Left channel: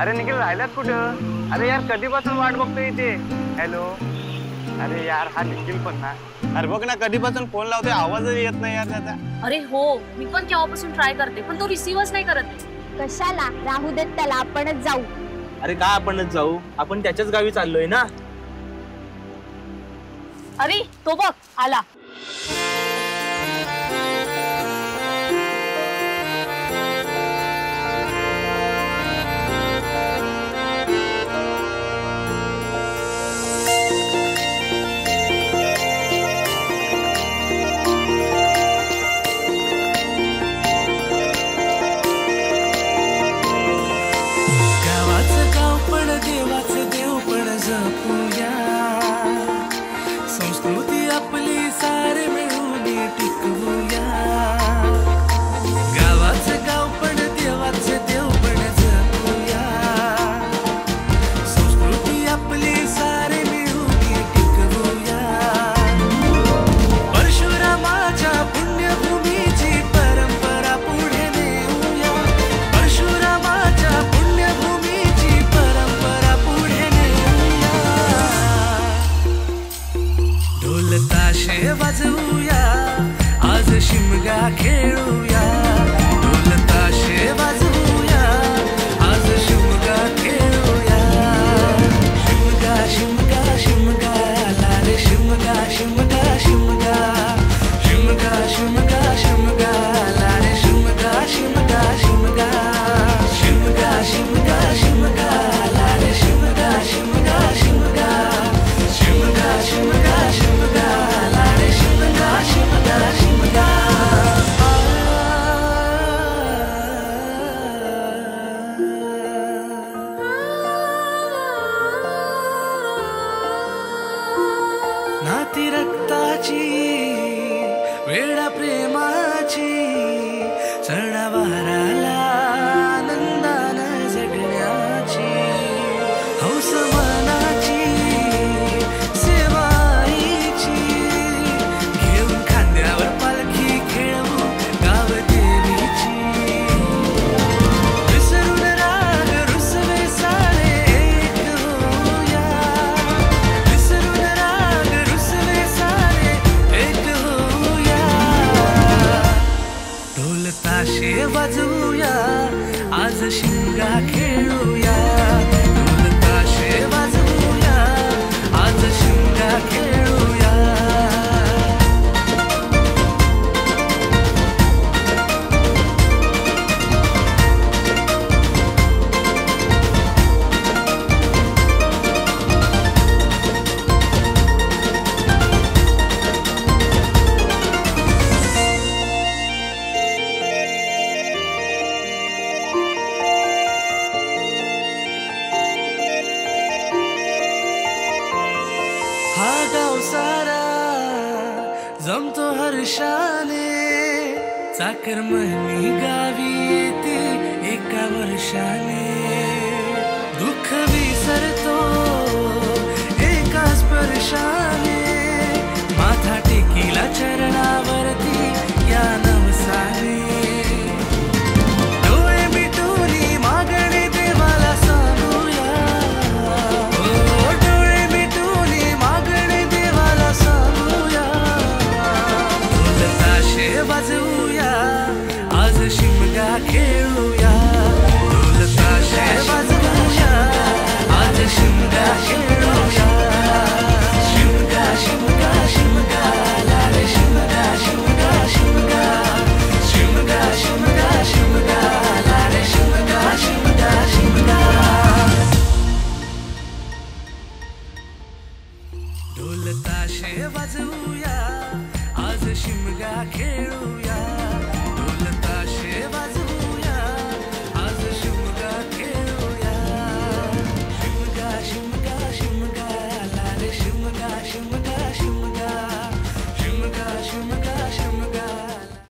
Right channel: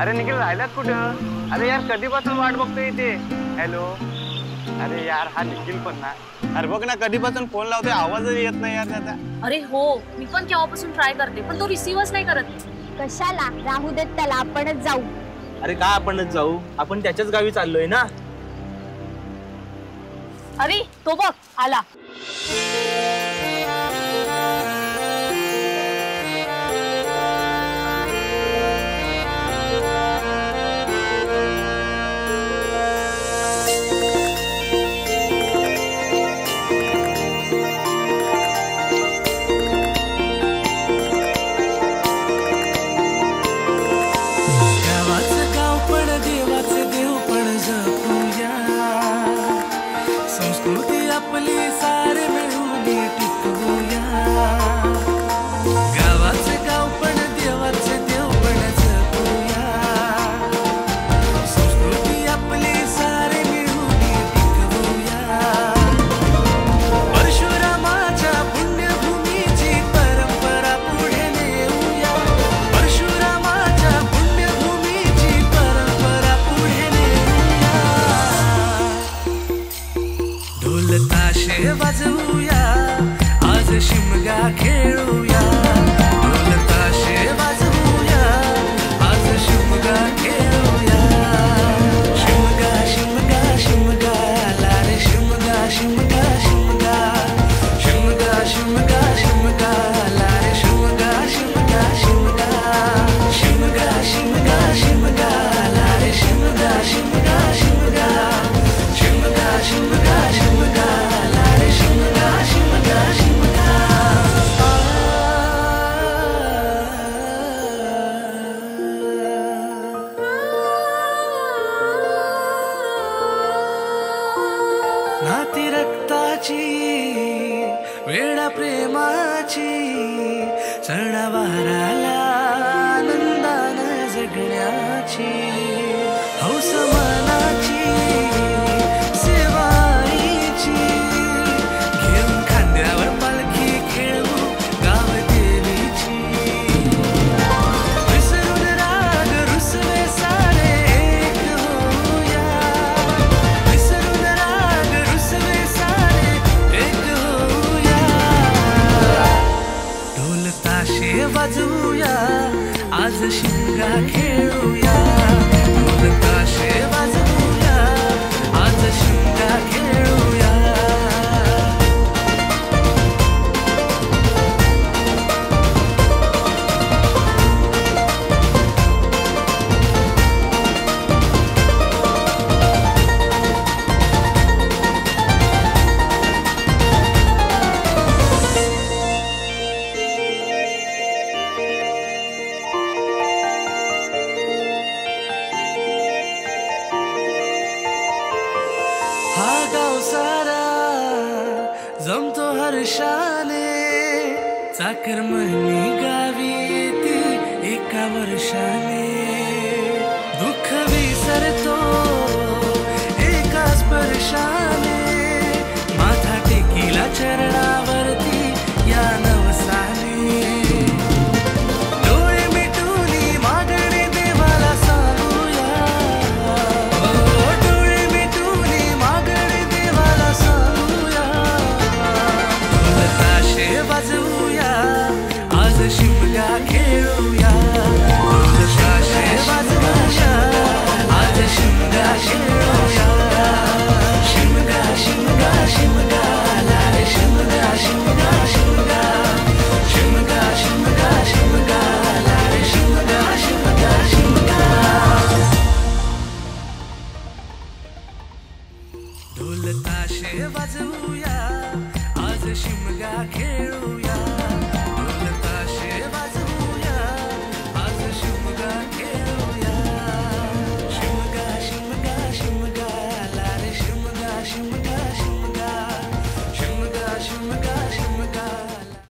अरे निखिल राहिलात कुठं? अरे यार कधीपासून वाट बघतोय इथे. हॅलो. अरे यार हा निखिल पण ना. अरे बघ ना कधीपासून फोन लावतोय आवाजच येत नाही यार त्याचा. अरे हो मी पण केव्हापासून ट्राय करते पण तो रिसीव्हच नाही करत. कशाला राहू देत त्याला, आपणच जाऊ. अरे का आपणच जाऊ? आपण त्याच्याच गावी चाललोय ना. अरे तो बघ आला. देवाचे देव पण जपूया, संस्कृती आपली सारे मिळून टिकवूया. गावाचे गाव पण देवाचे देव पण जपूया, संस्कृती आपली सारे मिळून टिकवूया. परशुरामाच्या पुण्यभूमीची परंपरा पुढे नेऊया, परशुरामाच्या पुण्यभूमीची परंपरा पुढे नेऊया. ढोल ताशे वाजवूया, आज शिमगा खेळूया. ढोल ताशे वाजवूया, आज शिमगा खेळूया. शिमगा शिमगा शिमगा ला रे शिमगा शिमगा शिमगा. शिमगा शिमगा शिमगा ला रे शिमगा शिमगा शिमगा. शिमगा शिमगा शिमगा ला रे शिमगा शिमगा शिमगा. शिमगा शिमगा शिमगा ला रे शिमगा शिमगा शिमगा. नाती रक्ताची वेडा प्रेमाची, सणावाराला आनंदानं जगण्याची, हौस मनाची सेवाईची. घेऊन खांद्यावर पालखी खेळवू गाव देवीची. विसरून राग रुसवे सारे एक होऊया, विसरून राग रुसवे सारे एक होऊया. ढोल ताशे वाजवूया, आज शिमगा खेळूया. ढोल ताशे वाजवूया, आज शिमगा खेळूया. हा गाव सारा जमतो हर्षाने, चाकर महनी गावी येते एका वर्षाने. दुःख विसरतो एका स्पर्शाने, माथा टेकीला चरणावरती या नवसाने. डोळे मिटूनी मागणे देवाला सांगूया, ओ डोळे मिटूनी मागणे देवाला सांगूया. ढोल ताशे वाजवूया, आज शिमगा खेळूया. ढोल ताशे वाजवूया, आज शिमगा खेळूया. शिमगा शिमगा शिमगा ला रे शिमगा शिमगा शिमगा. शिमगा शिमगा शिमगा ला रे शिमगा शिमगा शिमगा. ढोल ताशे वाजवूया, आज शिमगा खेळूया.